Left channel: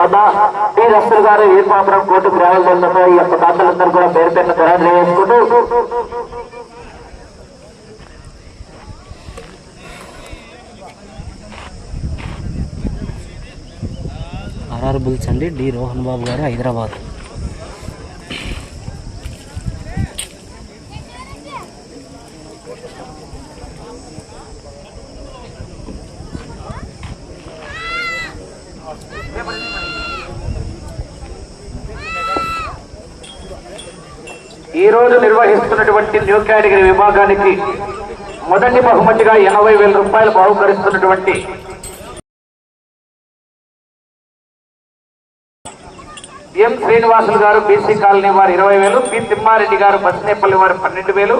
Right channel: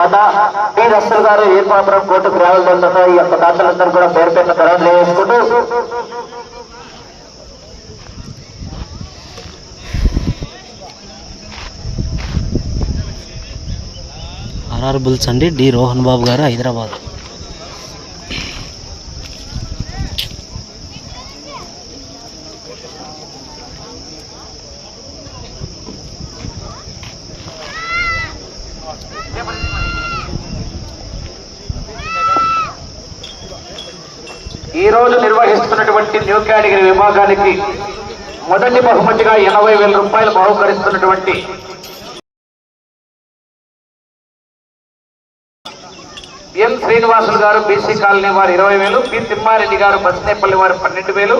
T Russell గారు ఏ court కోర్టుకు రావాలతో ఈ యొక్క దాతలందరూ కూడా పేరు పెట్టిన ధరలు వేసుకుంటూ ఆర్ఆర్ బుల్స్ అండి డి రోహన్ బాబు గారు హైదరాబాద్ ఈ రోజు నిర్వహిస్తున్నటువంటి న్యూ కేటగిరీ విభాగానికి మొదటి బహుమతిగా ఎనభై వేల రూపాయలు బహుకరిస్తున్నటువంటి ఎం శ్రీనివాసులు గారు బీసీ కాలనీ వారు ఇరవై వేలు పి తిమ్మారెడ్డి గారు బస్నేపల్లి వారు పన్నెండు వేలు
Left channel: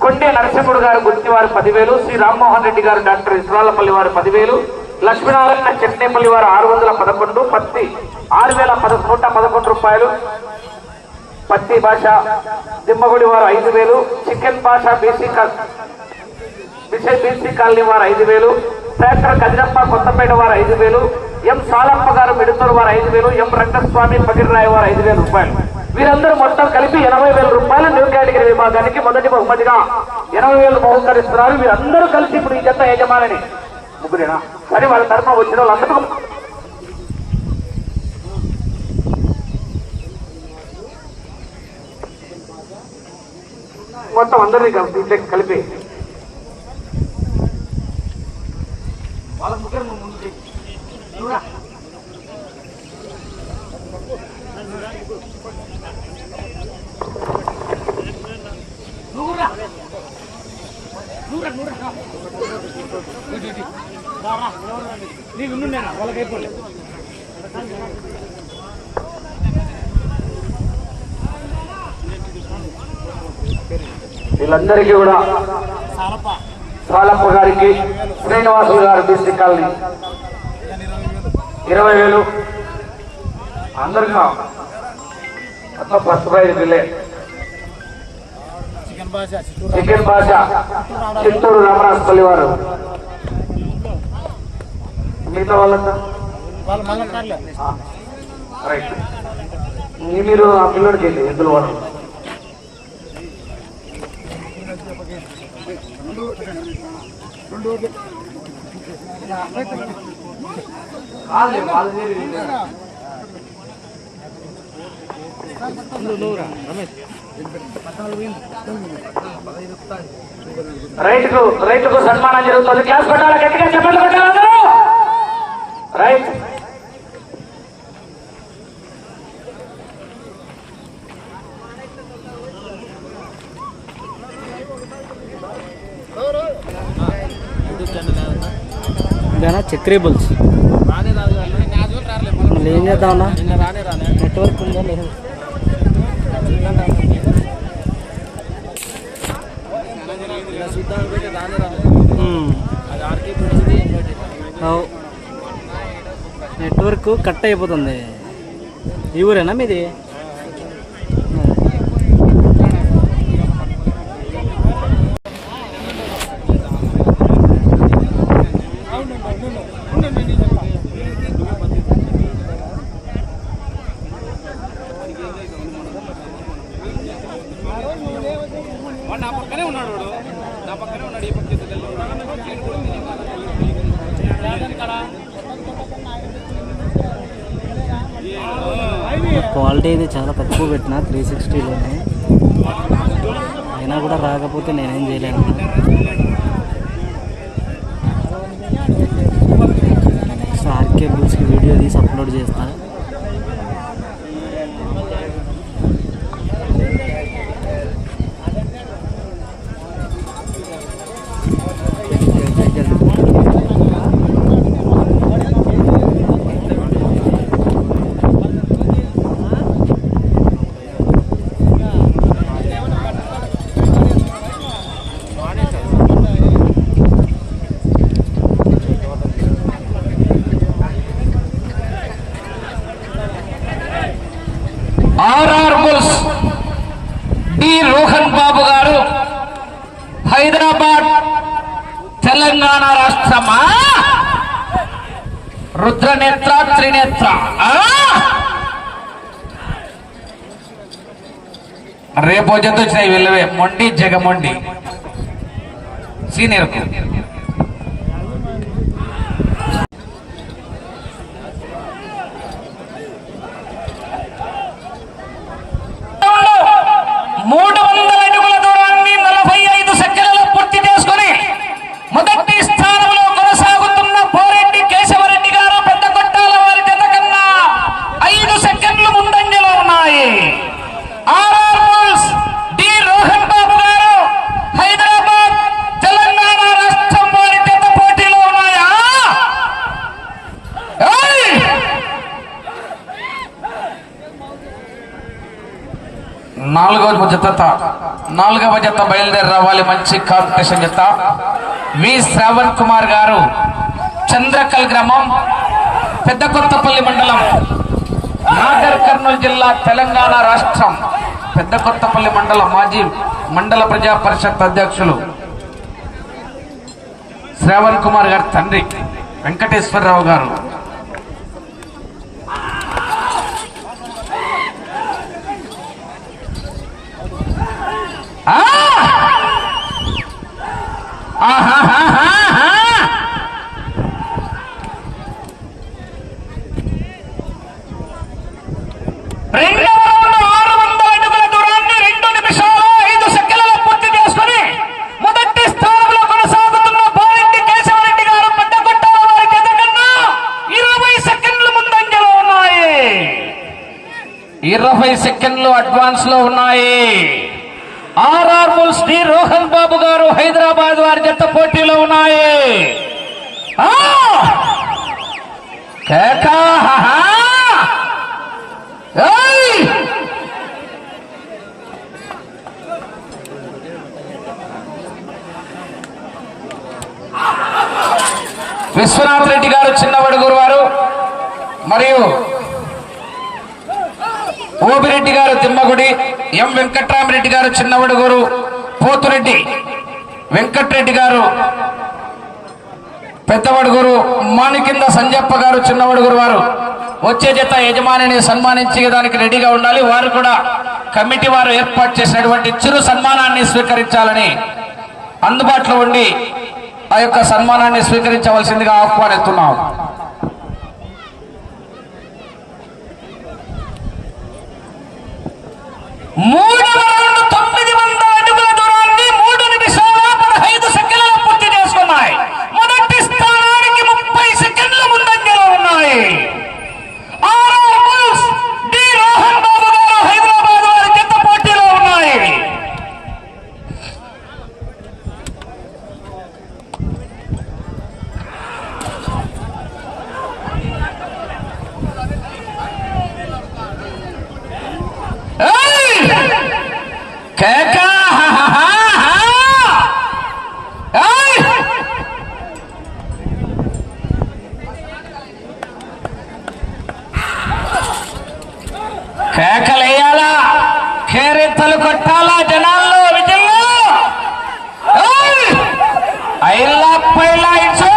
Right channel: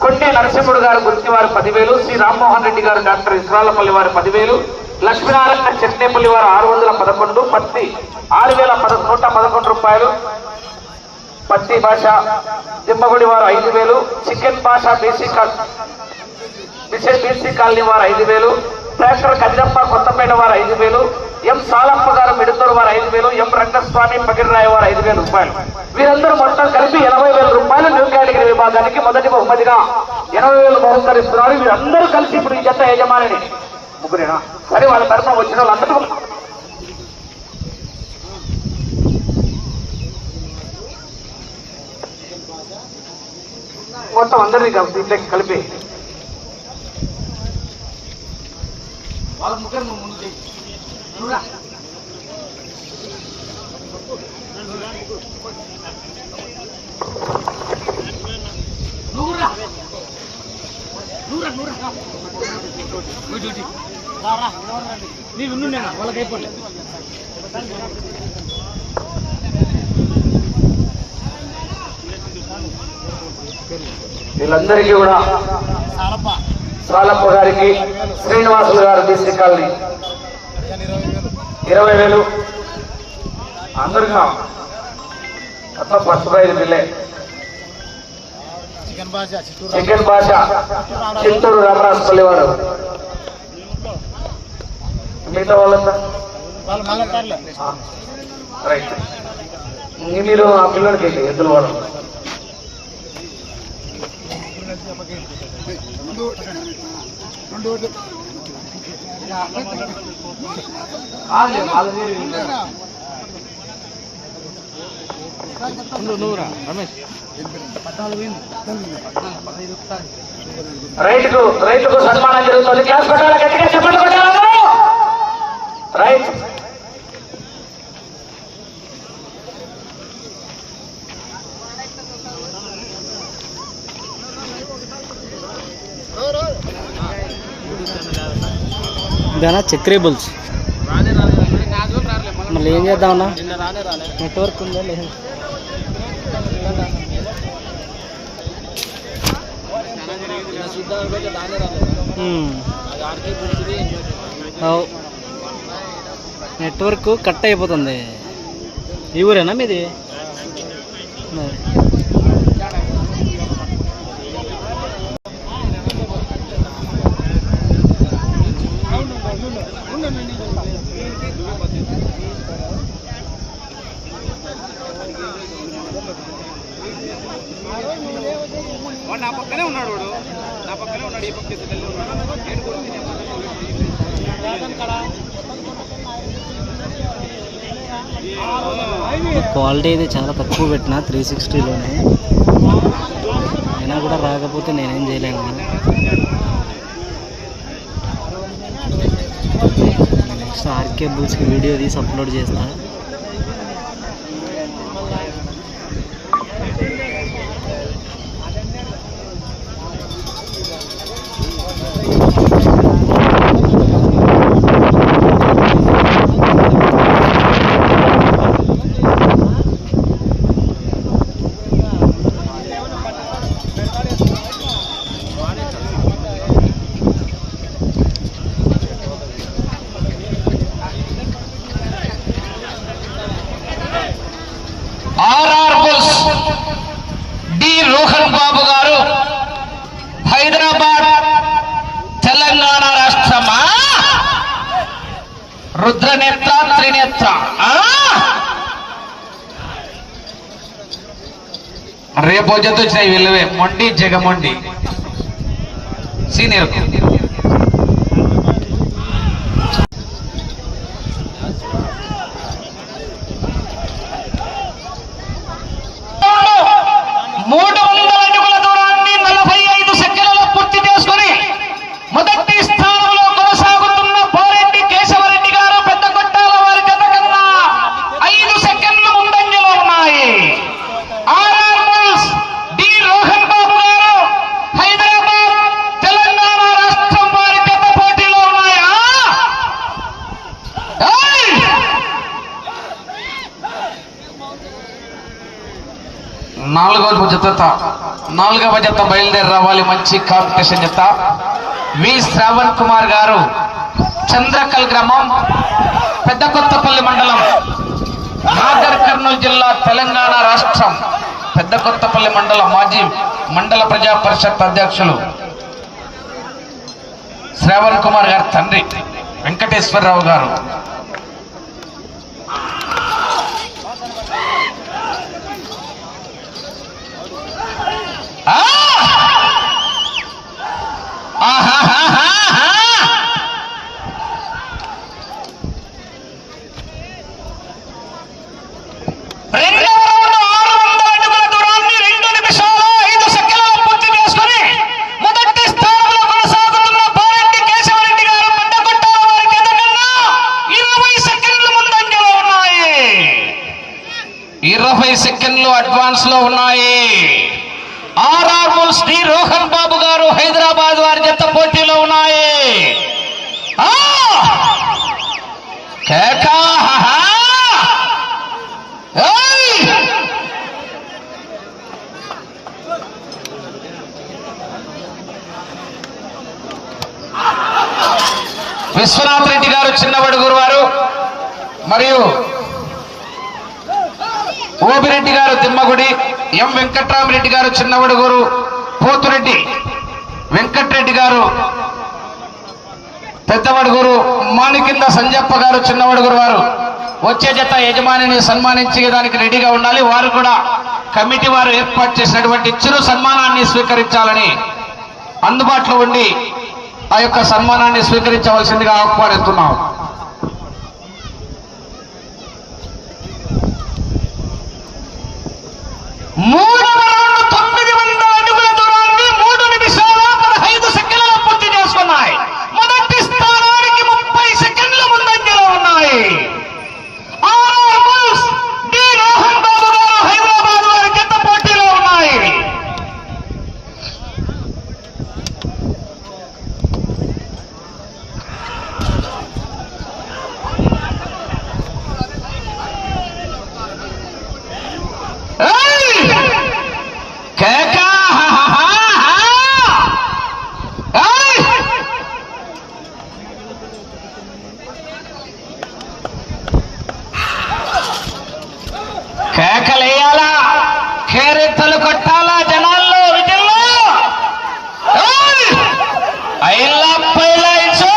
కొండే నరసింహుడు గారు గుర్తి వారు పదివేలు శ్రీ రామ్మోహన్ రెడ్డి గారు డాక్టర్ ఇస్రాలపల్లి వారు పదివేలు లక్ష్మీనారాయణ చెట్నేపల్లి వారు ఆరు వందల పదకొండు పత్తి ఆరు వేల పద నూట పదకొండు రూపాయలు పత్తి భాష దిమ్మగుడి వారు ఐదు వేలు చికెన్ భాష బీసీ కాల్ బీసీ కాలనీ వారు ఐదు వేలు ట్రాక్టర్ కదిరప్ప కొత్తపేట వారు ఐదు వేలు ఎం సాలప్ప గారు మిడుతూరు వారు ఐదు వేలు ఎం రంగస్వామి పగిరిరాయ వారు ఐదు వేల రూపాయలు. వీరందరూ మొత్తం కలిపి ఎనభై వేల రూపాయలు న్యూ కేటగిరీ విభాగానికి మొదటి బహుమతిగా ఎనభై వేలు బహుకరిస్తున్నారు వీరందరూ కలిసి ఇప్పుడు ఈ జత యజమానిని. ముగ్గురేనా? సరే వాళ్ళ తరఫున వచ్చిన వాళ్ళందరూ మొత్తం అందరినీ కలిపి ఇంట్లో కలిపి. వాళ్ళ ముగ్గురు ముందు చెయ్యి. నీవు వాళ్ళకి అయిపోలే వీళ్ళందరికీ కూడా సాలప్ప. గారికి శ్రీనివాసులు గారు బీసీ కాలనీ. ఇరవై వేలు. అందరిగా మొత్తం ఫస్ట్ ప్రైజ్ బిల్లే చికెన్ భాష చిత్తూరు రామరాజపల్లి వారు. మిగతా వాళ్ళంతా? మీరు ఆ పిల్లడికి వెళ్ళి ఎద్దుల వాళ్ళు రైతుకు రైతుకు సన్మానం జరుగుతుంది. క్లాస్ పెట్టాలి గట్టిగా చెప్పండి కొట్టాలి రైట్ దానా చక్రీబుల్స్ మళ్ళీ ఏం చేద్దామన్నా? నెట్వర్క్ ఉందా? లేదా. నెట్వర్క్ కట్ అయిపోతుంది. ఈ ఊరేనా మీది? మరి. క్వాలిటీ అయితే చాలా తక్కువ పెట్టిన త్రీ సిక్స్టీలోనే అయినా కూడా రాకపోతే నేనేం చేయలేను. నెక్స్ట్ ఆర్కే బుల్స్కి వీడియో తీసి అప్లోడ్ చేస్తాను రుద్రనేత్ర త్రినేత్ర. రేపు జత వచ్చినాయి వెళ్ళవే. మొండి జగమొండి. సీనియర్ నాలుగవ జత నాలుగవ జత బయలుదేరి రావాలి మంచి కాంపిటీషన్ జత వి శ్రావణ్ కుమార్ గారు చంద్రకల్ గ్రామం పెద్ద కొత్తపల్లి మండలం నాగర్ కర్నూలు జిల్లా తెలంగాణ రాష్ట్రం పెద్ద కొత్తపల్లి మండలం మాజీ మండల ప్రజా పరిషత్ అధ్యక్షులు శ్రావణ్ కుమార్ గారి తండ్రి వెంకటేశ్వరరావు గారు ఆ! ఆహాహాహాహా! రెండవ రౌండ్ ఆరు వందల అడుగుల దూరాన్ని రెండు నిమిషాల ఐదు సెకండ్లు పూర్తి చేసుకుని మొదటి స్థానంలో కొనసాగుతున్న బారెడ్డి కేశవరెడ్డి గారు పెద్ద కొట్టాల వారి జత కన్నా ఇరవై సెకండ్లు ముందంజలో ఉన్నాయి ఇరవై సెకండ్లు అడ్వాన్స్లో ఉన్నాయి. RR bulls D Rohan Babu garu Hyderabad వారి జత పోటీలో ఉన్నాయి. విశ్వనాథ్ రెడ్డి గారు చిన్నబడుగురు వారు మరియు ఓబిరెడ్డి గారు తిమ్మగుడి ఎం వెంకట్రామరెడ్డి గారు చిన్నవడుగురు పోతురెడ్డి వెంకట్రెడ్డి గారు పెద్దవడుగురు మాణికింద సంజప్ప గారు చిన్నవడుగురు వారు. వచ్చే జత యజమానిని సన్మానించే దానికి రెడీగా ఉండాలి. వారు కూడా కమిటీ వారు ఏర్పాటు చేసినటువంటి చిరు సన్మానాన్ని స్వీకరించాలని అందుబాటులో ఉండి ఆ యొక్క సన్మానాన్ని స్వీకరించవలసిందిగా ఆహ్వానిస్తున్నాం. మూడు రౌండ్లు తొమ్మిది వందల అడుగుల దూరాన్ని మూడు నిమిషాల పదహైదు సెకండ్ల పూర్తి చేసుకున్నాయి మొదటి స్థానానికి ముప్పై సెకండ్ల ముందంజలో ఉన్నాయి RR bulls D Rohan Babu garu Hyderabad వారి జత పోటీలో ఉన్నాయి ఏయ్! కేకా హాహాహా! ఏయ్! కేకలేయాలా కేరెత్తలు కొట్టాలా జనాల్లో విజయంలో ఏయ్! ఐలా పైలా ఇచ్చో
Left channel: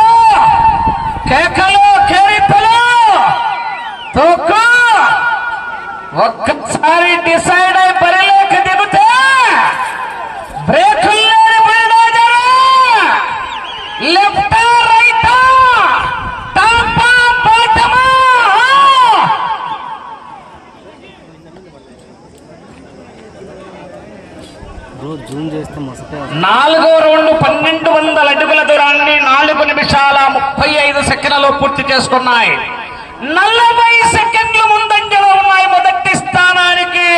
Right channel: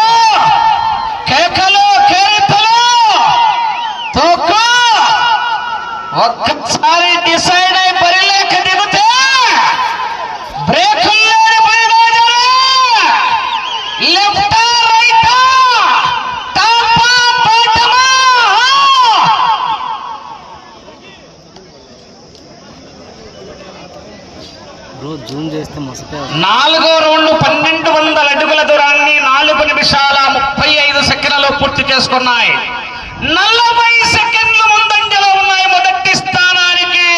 కేకలు కేరెత్తలు తూకు ఒక్కసారి డిసైడ్ అయి బరిలోకి దిగితే బ్రేక్ లేని bulldozer left right top bottom bro zoom చేస్తే మసకే నాలుగో రౌండ్ పన్నెండు వందల అడుగుల దూరాన్ని నాలుగు నిమిషాల ముప్పై ఐదు సెకండ్లలో పూర్తి చేసుకున్నాయి. నలభై సెకండ్లు ముందంజలో ఉన్నాయి మొదటి స్థానానికి.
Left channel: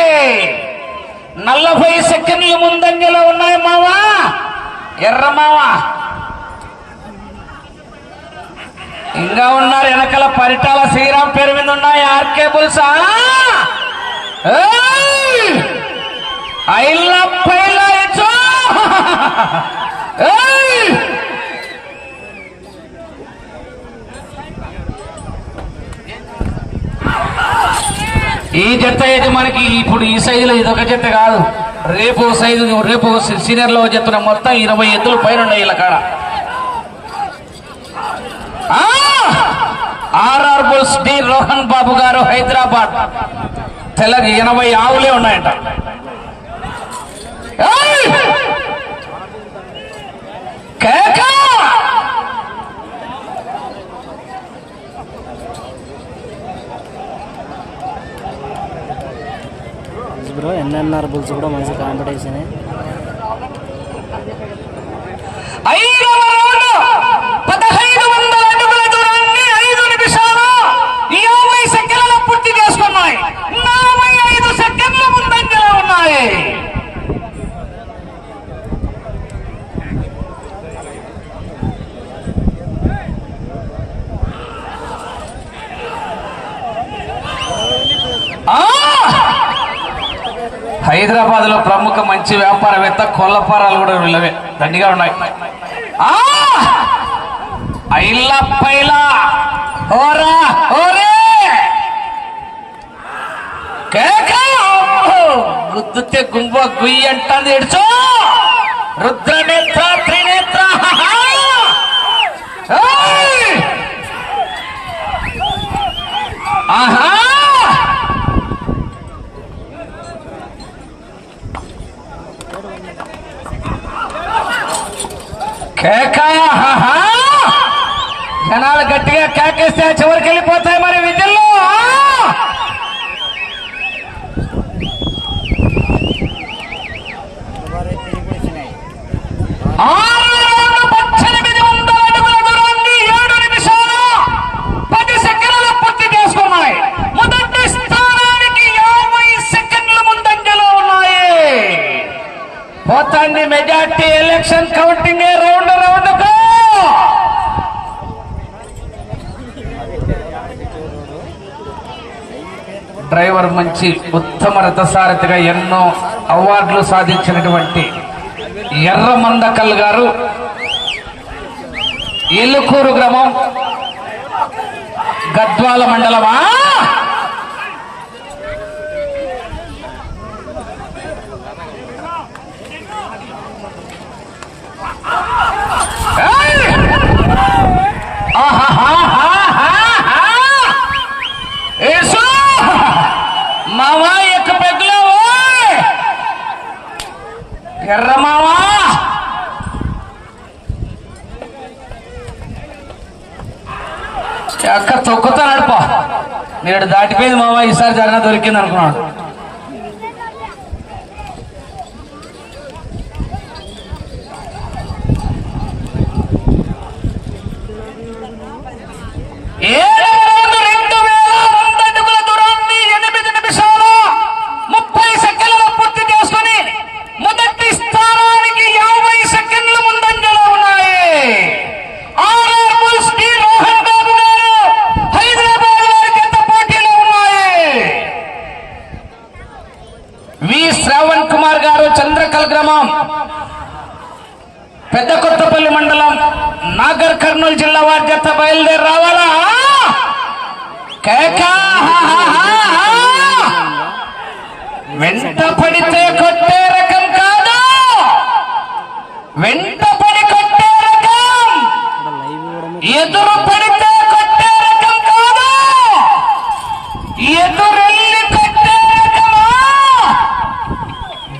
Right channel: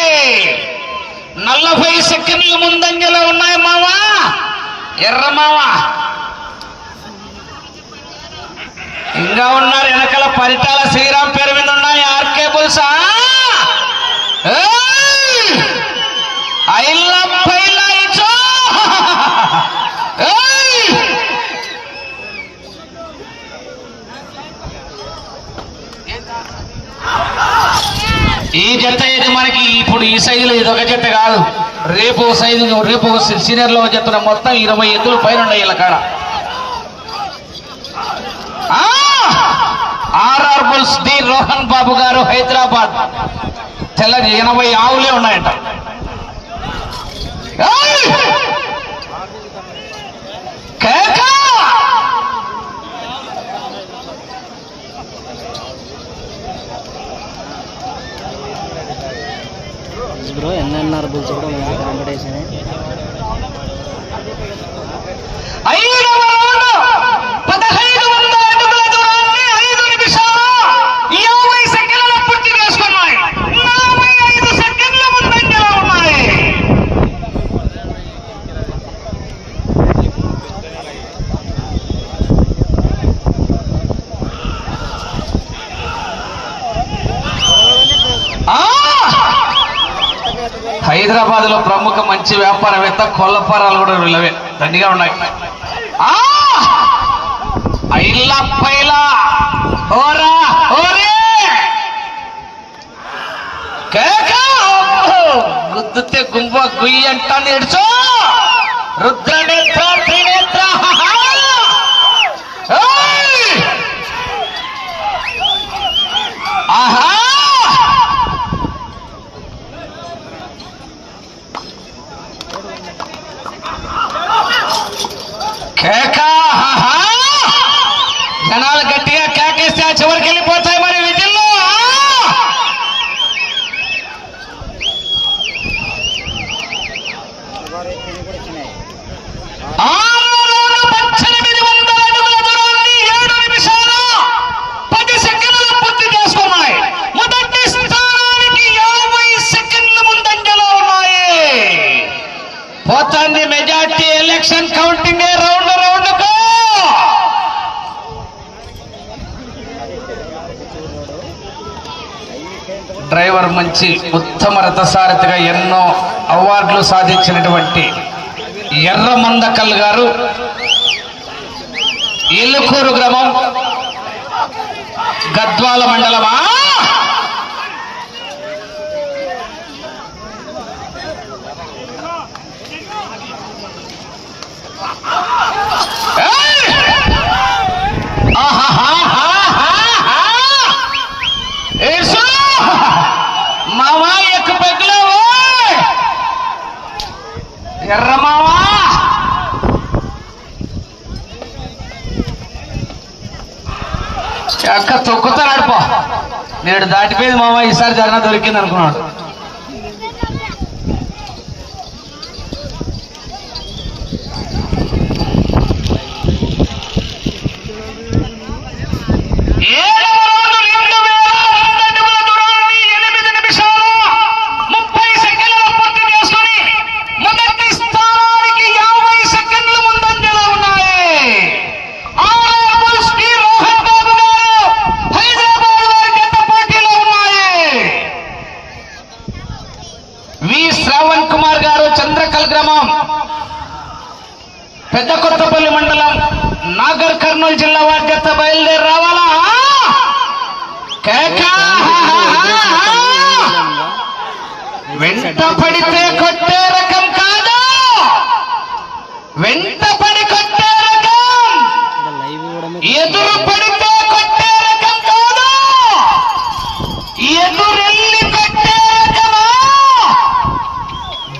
నలభై సెకండ్లు ముందంజలో ఉన్నాయి మావా ఎర్ర మావా ఇంకా ఉన్నారు వెనకల పరిటాల శ్రీరామ్ పేరు మీద ఉన్నాయి ఆర్కే బుల్సా. ఐ లవ్ ఈ జత అయితే మనకి? ఇప్పుడు ఈ సైజులో ఇది ఒక జత కాదు. రేపు ఓ సైజు రేపు ఓ సీనియర్లో జత మొత్తం ఇరవై ఎద్దులు పైన ఉన్నాయి ఇలా కాడ. RR bulls D Rohan Babu garu Hyderabad. Telangana ఎనభై ఆవులే ఉన్నాయంట ఏయ్! కేక! బ్రో ఎన్ఎన్ఆర్ బుల్స్ కూడా మంచి కాంపిటీషన్ ఐదవ రౌండ్ పదహైదు వందల అడుగుల దూరాన్ని ఐదు నిమిషాలు యాభై సెకండ్ల పూర్తి చేసుకున్నాయి నలభై ఐదు సెకండ్ల ముందంజలో ఉన్నాయి హైదరాబాద్లో ప్రముఖ మంచి వ్యాపారవేత్త కొల్లపారాలు కూడా వీళ్ళవే. దండిగా ఉన్నాయి. ఐలా పైలా. ఓరా ఓరే! గుద్దుతే గుంబ గుయ్యి అంటాను ఎడుచో రుద్రనేత్ర జనాలు గట్టిగా కేకేస్తే చివరికి వెళ్ళిపోతాయి మరి విధుల్లో మొదటి స్థానానికి యాభై సెకండ్ల ముందంజలో ఉన్నాయి పోతాంది majority election counting round round నుంచి ఉత్తమ రథసారథిగా ఎన్నో అవార్డులు సాధించినటువంటి ఎర్ర మందకల్ గారు. ఏలుకూరు గ్రామం గద్వాల మండలమా? నేడు దాటిపోయింది మావా ఈసారి జరగ దొరికింది అనుకున్నాడు ఏడవ రౌండ్ రెండు వేల వంద అడుగుల దూరాన్ని ఎనిమిది నిమిషాలు ముప్పై సెకండ్ల పూర్తి చేసుకొని మొదటి స్థానానికి యాభై సెకండ్ల ముందంజలో ఉన్నాయి ఆర్ఆర్ శ్రీ రోహన్ బాబు గారు హైదరాబాద్ వారి జత పోటీలో ఉన్నాయి వి శ్రావణ్ కుమార్ గారు చంద్రకల్ గ్రామం పెద్ద కొత్తపల్లి మండలం నాగర్ కర్నూలు జిల్లా వారి జత బయలుదేరి రావాలా కేక! పడితే కొట్టే రకం కాదు. వెంట పడి కొట్టే రకం. ఎదురు పడితే కొట్టే రకం కాదు. ఎదురెళ్ళి కొట్టే రకమా?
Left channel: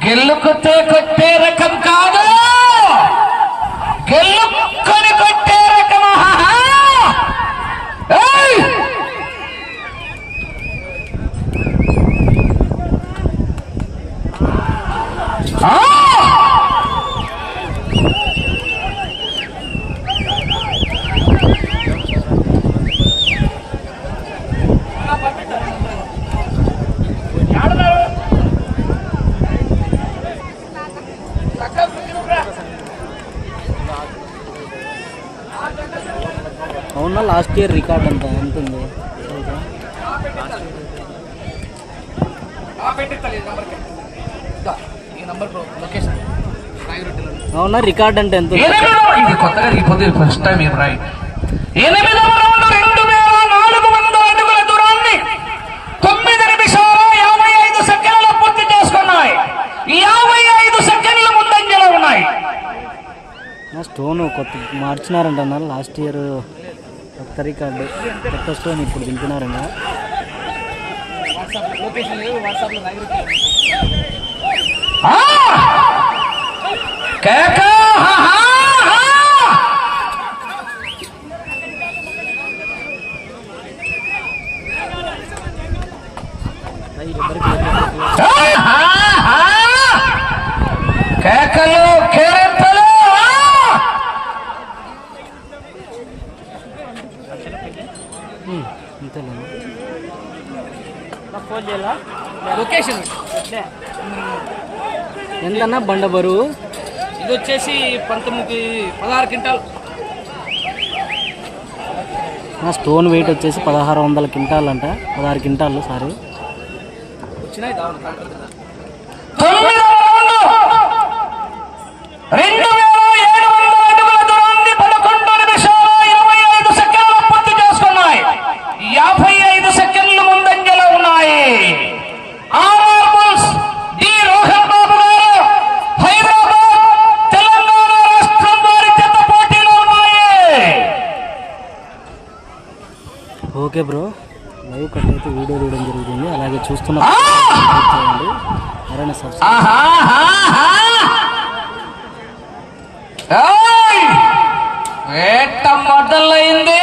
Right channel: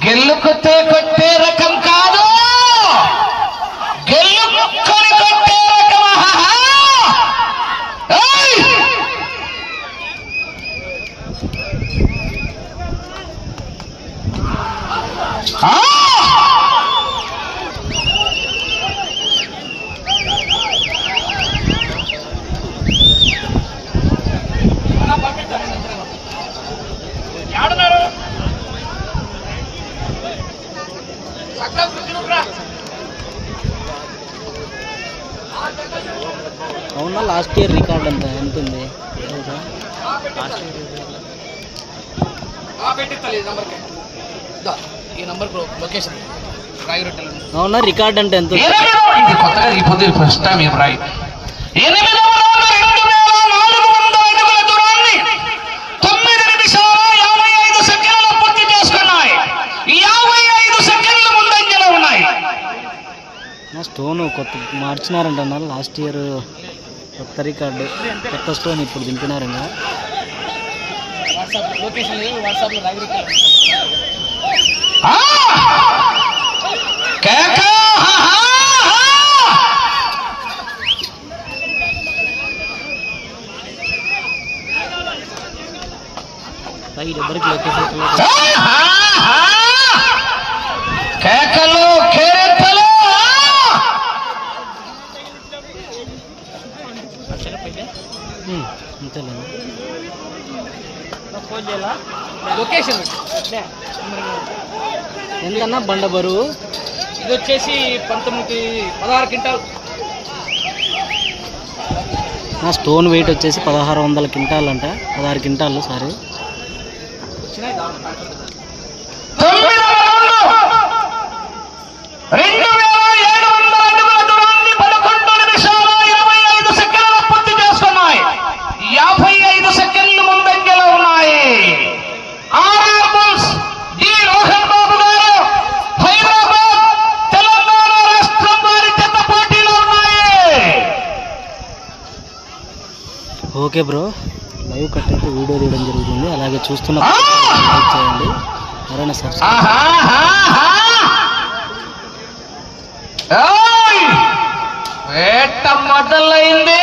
గెల్లుకుతే కొట్టే రకం కాదు గెల్లుకొని కొట్టే రకమా ఏయ్! ఆ! అవునా లాస్ట్ ఇయర్ రికార్డ్ అంత ఎంత ఉంటుంది అవునా రికార్డ్ అంటే ఎంత ఇది కొత్తగా ఫస్ట్ టైం రాయి నా స్టోన్ కొత్త మార్చినారంట లాస్ట్ ఇయర్ కొత్త రికార్డు కొత్త స్టోన్ ఇప్పుడు దింపినారు కేకలో కే అంతేలేండి లొకేషన్. ఎంతన్నా బండ బరువు? ఇది వచ్చేసి పంతొమ్మిది పదహారు క్వింటాల్. నా స్టోన్ వెయిట్ వచ్చేసి పదహారు వందల క్వింటాల్ అంట పదహారు క్వింటాలు సారీ వచ్చినాయి దాని తొమ్మిదవ రౌండ్ రెండు వేల ఏడు వందల అడుగుల దూరాన్ని పదకొండు నిమిషాల ఇరవై ఐదు సెకండ్లు పూర్తి చేసుకున్నాయి యాభై ఐదు సెకండ్లు ముందంజలో ఉన్నాయి RR bulls D Rohan Babu garu Hyderabad Telangana రాష్ట్రం వారి జత పోటీలో ఉన్నాయి ఓకే బ్రో లైవ్ కట్ అయితే వీడియో తీయడం జరుగుతుంది. అలాగే చూస్తున్న లైక్ చేయండి. ఎవరైనా సబ్స్క్రైబ్ మొదలైంది.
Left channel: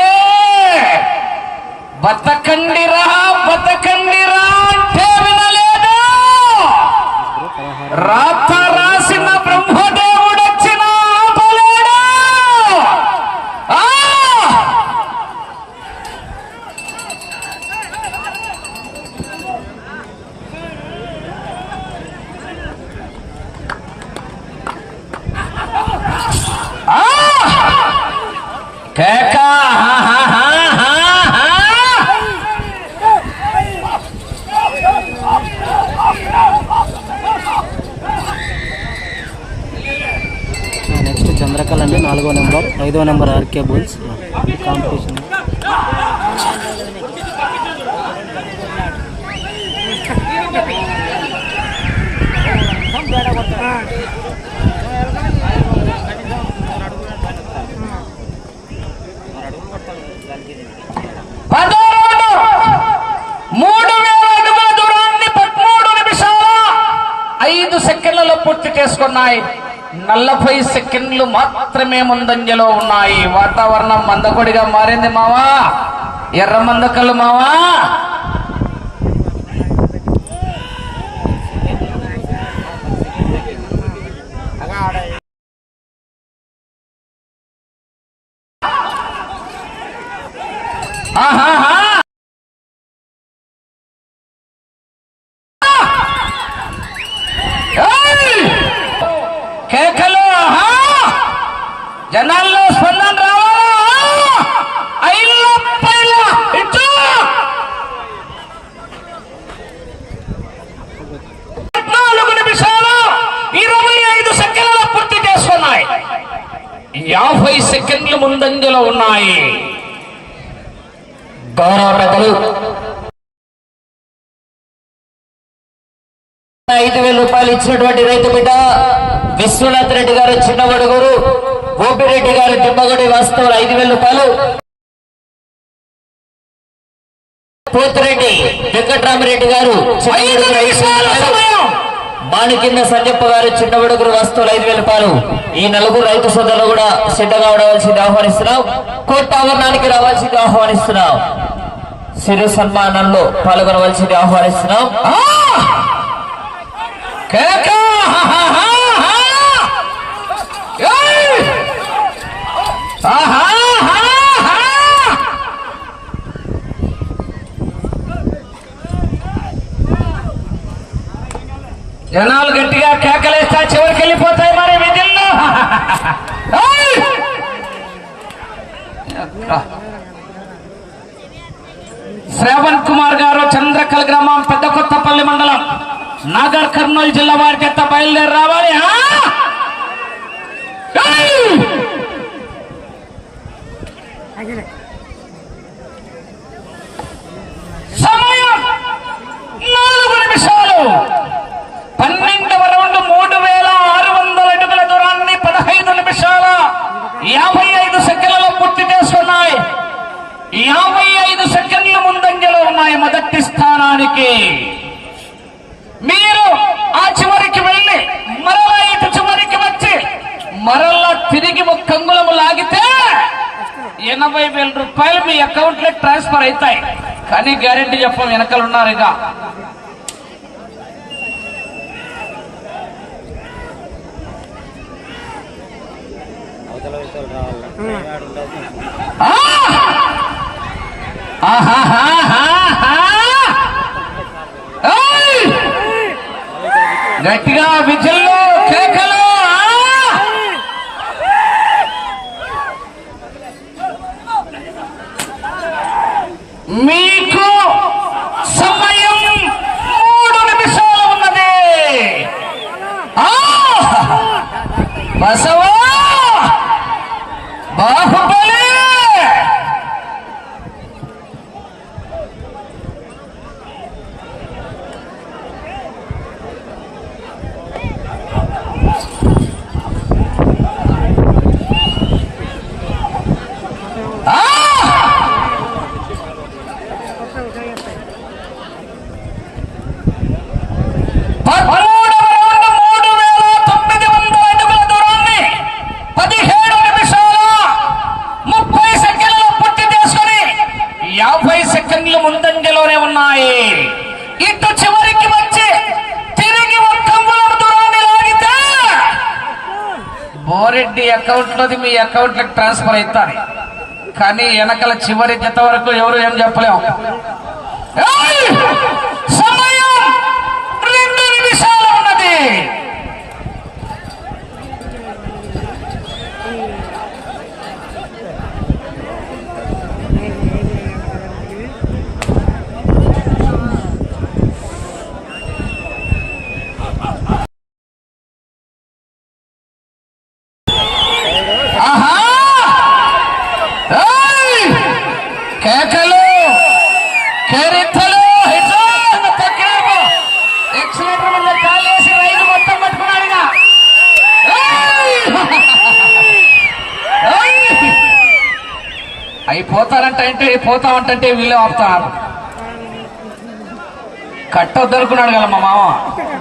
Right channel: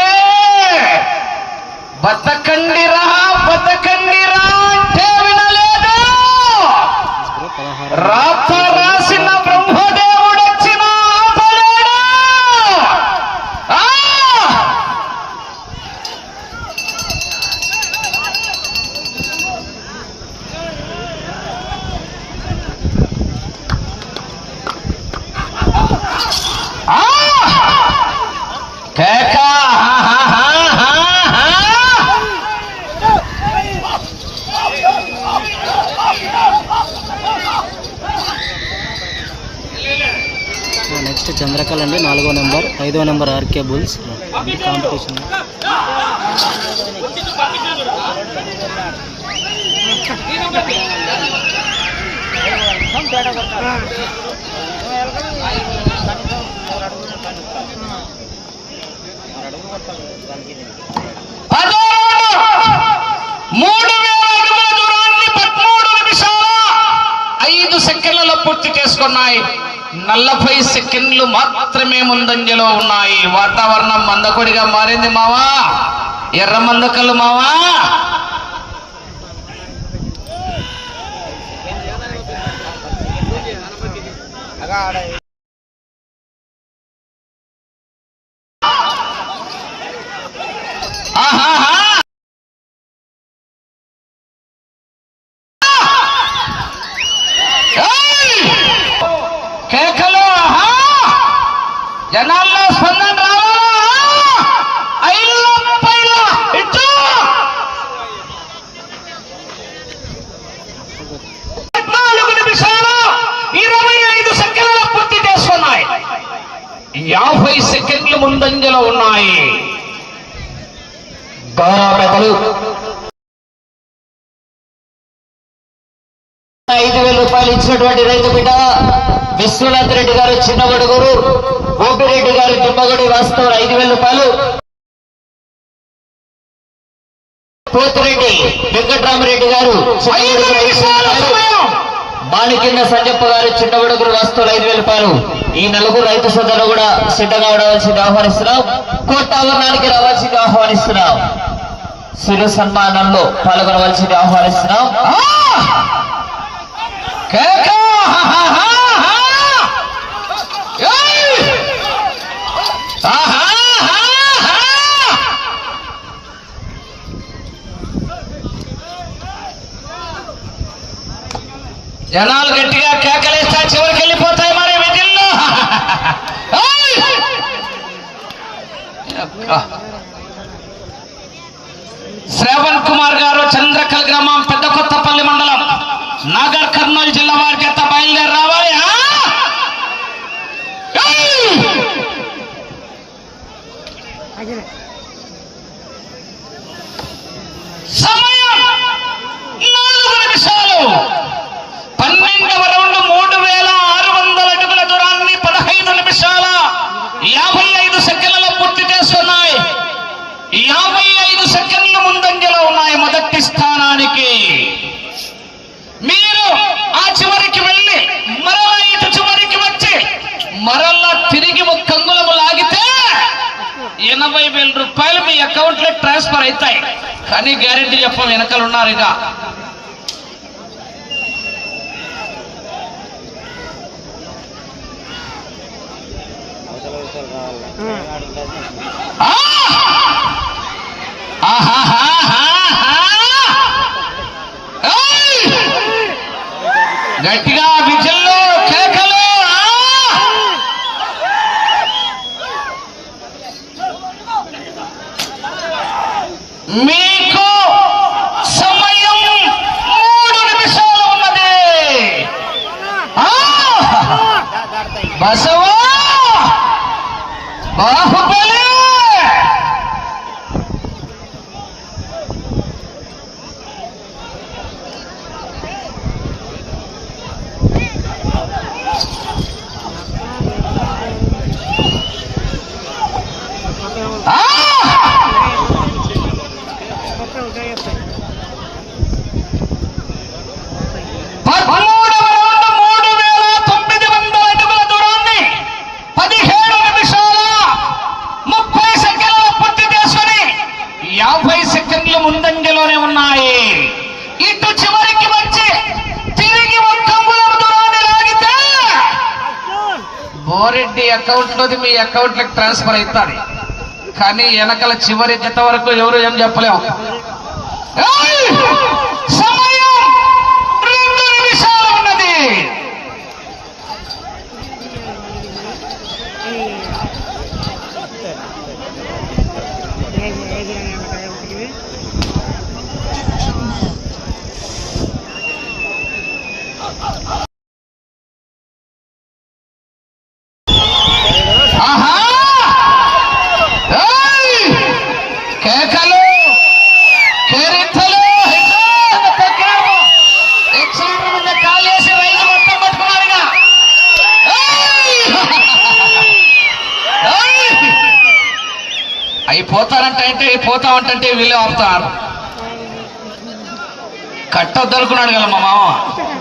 బ్రో పదహారు రాత రాసిన బ్రహ్మదేవుడు వచ్చిన ఆపలేడు ఆ! ఆ! కేక హా, హా, హా, హా, హా. నెక్స్ట్ చంద్రకళ అండి నాలుగో నెంబర్ ఐదో నెంబర్ ఆర్కే బుల్స్. కాంపిటీషన్ ఐదు సెకండ్లలో పూర్తి చేసుకున్నాయి. నలభై సెకండ్లు మాత్రమే ముందంజలో ఉన్నాయి. వాతావరణం మందకొడిగా మారింది మావా. ఎర్ర మందకల్లు మావా ఆహాహా! ఏయ్! కేకలు ఆహా! జనాల్లో స్పందన రావాలా ఐదు పైన ఇచ్చు! పద్నాలుగు నిమిషాలు ఇరవై ఐదు సెకండ్ల పూర్తి చేస్తున్నాయి యాభై సెకండ్లు ముందంజలో ఉన్నాయి గౌరవ పెద్దలు ఐదు వేల రూపాయలు ఇచ్చినటువంటి రైతు బిడ్డ విశ్వనాథ్ రెడ్డి గారు చిన్నగొడుగురు ఓపిరెడ్డి గారు వాస్తవులు ఐదు వేల రూపాయలు. పోతిరెడ్డి వెంకట్రామరెడ్డి గారు బాణికింద సంజప్ప గారు చిన్నగొడుగురు వస్తువులు ఐదు వేల రూపాయలు. ఈ నలుగురు రైతు సోదరులు కూడా సిద్ధంగా ఉండవలసింది ఆహ్వానిస్తున్నాం. కోర్టు ఆవరణానికి రావాల్సింది ఆహ్వానిస్తున్నాం. సిరు సన్మానంలో పాల్గొనవలసింది ఆహ్వానిస్తున్నాం. కేక! జనాలు గట్టిగా కేకలేస్తా చివరికి వెళ్ళిపోతాయి మరి విధుల్లో శ్రావణ్ కుమార్ గారు చంద్రకల్ గ్రామం పెద్ద కొత్తపల్లి మండలం. నాగర్ కర్నూలు జిల్లా వారి చేత బయలుదేరి రావాలి ఆ? ఏయ్! సమయం నాలుగు నిమిషాలు పన్నెండవ రౌండ్ మూడు వేల ఆరు వందల అడుగుల దూరాన్ని పదహైదు నిమిషాల యాభై ఐదు సెకండ్లలో పూర్తి చేసుకున్నాయి యాభై ఐదు సెకండ్లు ముందంజలో ఉన్నాయి మొదటి స్థానానికి మీరు ఆ చివరికి వెళ్ళి మరలా ఇటు చివరికి వచ్చి మరలా తిరిగి ఒక కంగుళము లాగితే ఎనభై వేల అకౌంట్లో ట్రాన్స్ఫర్ అవుతాయి. కానీ గ్యారెంటీ చెప్పం వెనకలు ఉన్నారు ఇక. గట్టిగా విజల్లో కేకలు ఆ! మీకు సమయం మూడు నిమిషాలు ఉన్నది ఆ! బసవా బాహుబలి పదమూడవ రౌండ్ మూడు వేల తొమ్మిది వందల అడుగుల దూరాన్ని పదిహేడు నిమిషాల ముప్పై సెకండ్లు పూర్తి చేసుకుని యాభై సెకండ్లు ముందంజలోనే ఉన్నాయి ఇటు చివరికి వచ్చి తిరిగి ఒక్క అంగుళం దూరాన్ని లాగితే బోరెడ్డి అకౌంట్లకు ట్రాన్స్ఫర్ అవుతాయి కానీ వెనకల చివరి గత వరకు ఎవరు ఏం చెప్పలేము ఏయ్! సమయం రెండు నిమిషాలు ఉన్నది ఆహా! ఏయ్! కేకలు కేరింతలు హిట్లర్ తక్కినారు ఎక్సలేటర్ మీద కాలు వేసి రైలు మొత్తం పట్టుకున్నాడు ఇక. ఏయ్! ఏయ్! అయిపోతారంటే అంటే పోతామంటే వీళ్ళే ఆపుతారు కట్టొద్దు అనుకున్నాడు కదా మా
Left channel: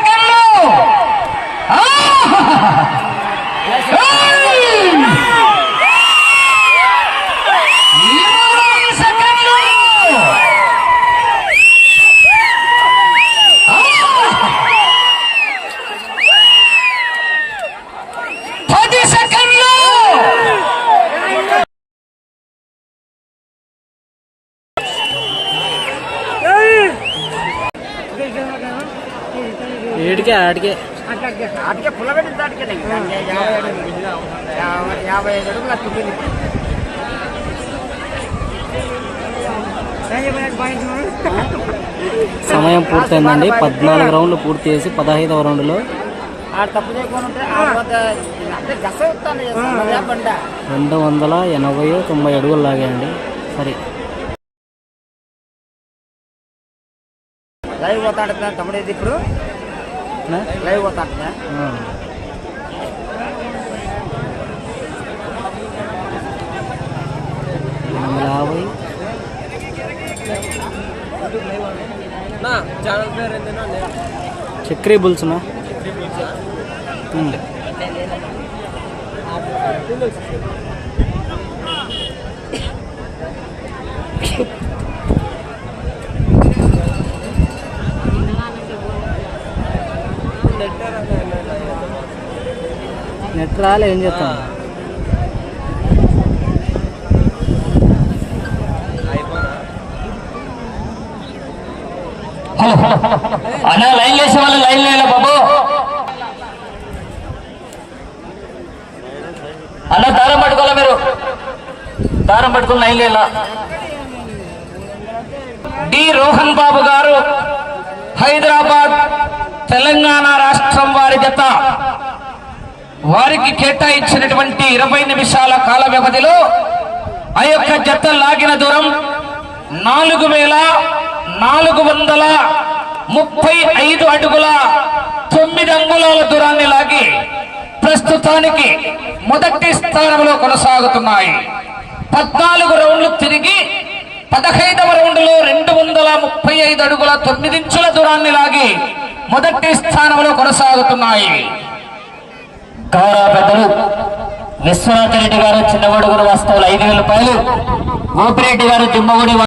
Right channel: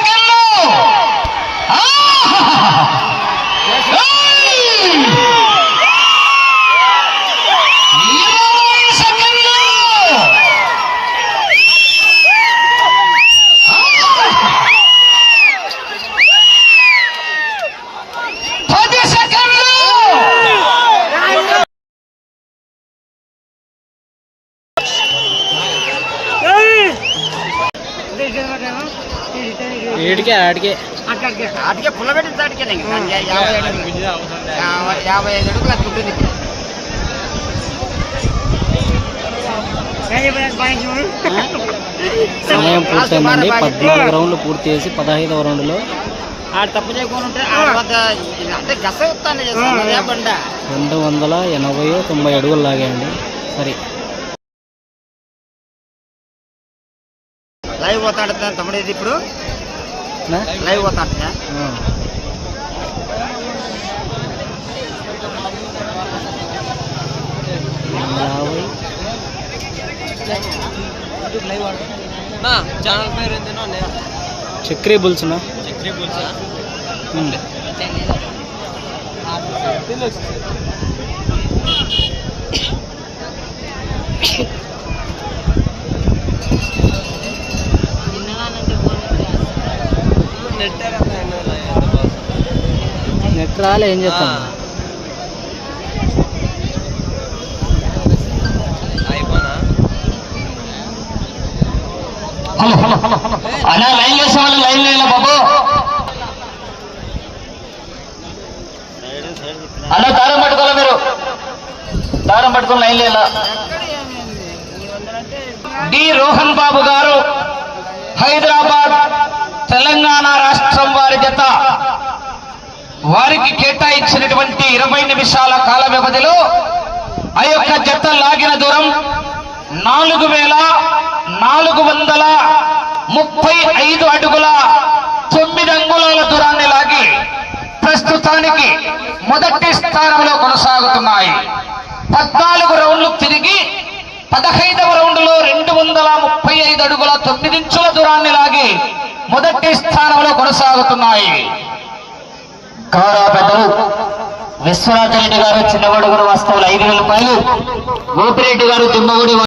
అటుకే పుల్లబెట్టి దాటికే యాభై అడుగులు యాభై- యాభై ఐదు అడుగులు నాకు ఉంటుంది సమయం పూర్తయిందండి. పద్నాలుగు రౌండ్లు పూర్తి చేసి పదహైదవ రౌండ్లో. రెండు వందల ఎనభై తొంభై అడుగులు లాగాయండి. సరే. లైవ్ పోతాడు తమ్ముడు ఇది ఇప్పుడు నా? లైవ్ పోతాడు ఆ. రెండు వందల యాభై చక్రీ బుల్స్నా నెట్ రాలే ఏం చేస్తాం? అన్నా లైన్ వేసే వాళ్ళు లైన్ వేయాలి బాబు? అన్నా దారం పట్టుకోవాలా మీరు? దారం పట్టుకుని లైన్ లేదా డి. రోహన్ బాబు గారు హైదరాబాద్ తెలంగాణ రాష్ట్రం వారి జత. వారికి కేటాయించినటువంటి ఇరవై నిమిషాల కాల వ్యవధిలో ఆ యొక్క జత లాగిన దూరం నాలుగు వేల నాలుగు వందల ముప్పై ఐదు అడుగుల తొమ్మిది అంగుళాల దూరాన్ని లాగి ప్రస్తుతానికి మొదటి స్థానంలో కొనసాగుతున్నాయి. పద్నాలుగు రౌండ్లు తిరిగి పదహైదవ రౌండ్లో రెండు వందల ముప్పై ఐదు అడుగుల తొమ్మిదించుల దూరాన్ని లాగి మొదటి స్థానంలో కొనసాగుతున్నాయి. గౌరవ పెద్దలు విశ్వనాథ్ రెడ్డి గారు చిన్నగొడుగురు వస్తువులు ఐదు వేల రూపాయలు. గోపిరెడ్డి గారు దుమ్మగుడి